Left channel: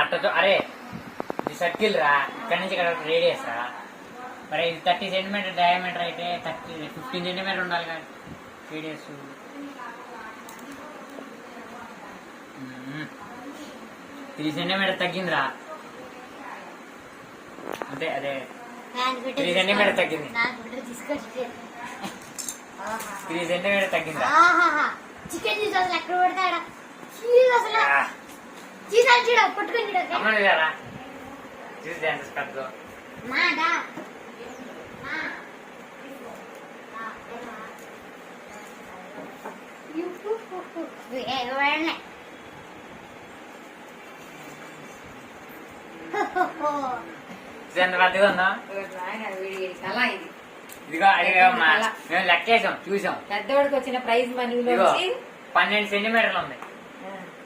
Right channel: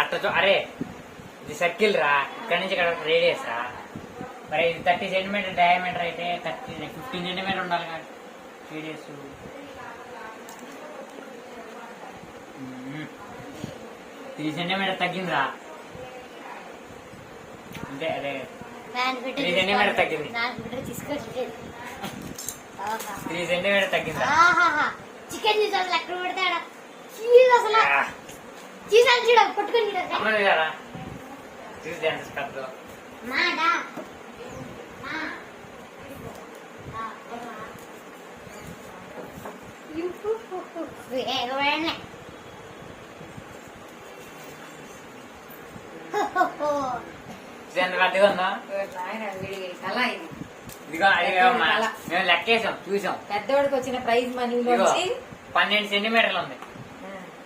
అట్ట అరే ఇది సర్కిల్ రా, ఇక్కడ నుంచి ఇక్కడ రేడియస్ రా. మరి ఇది 30 సెంటీమీటర్ డయామీటర్ అయితే 15 సెంటీమీటర్ ఉండాలి కదా రేడియస్. 3 సెంటీమీటర్ తగ్గిందిరా అంతే. అదే 3 సెంటీమీటర్ తగ్గింది. 3 సెంటీమీటర్ తగ్గిందా? చికెన్ అసలు ఎక్కడ పడతాడా అసలు పట్టుకొని అమ్మను కదా చూసి కద్దు రద్దగా ఉందా? ఇదిగో అడిగామా మేము లెక్కేసాం చూసాం. పెద్దవాడికి వచ్చిన ప్రైజ్ మనీ 12 సెంటీమీటర్లు ఉంది.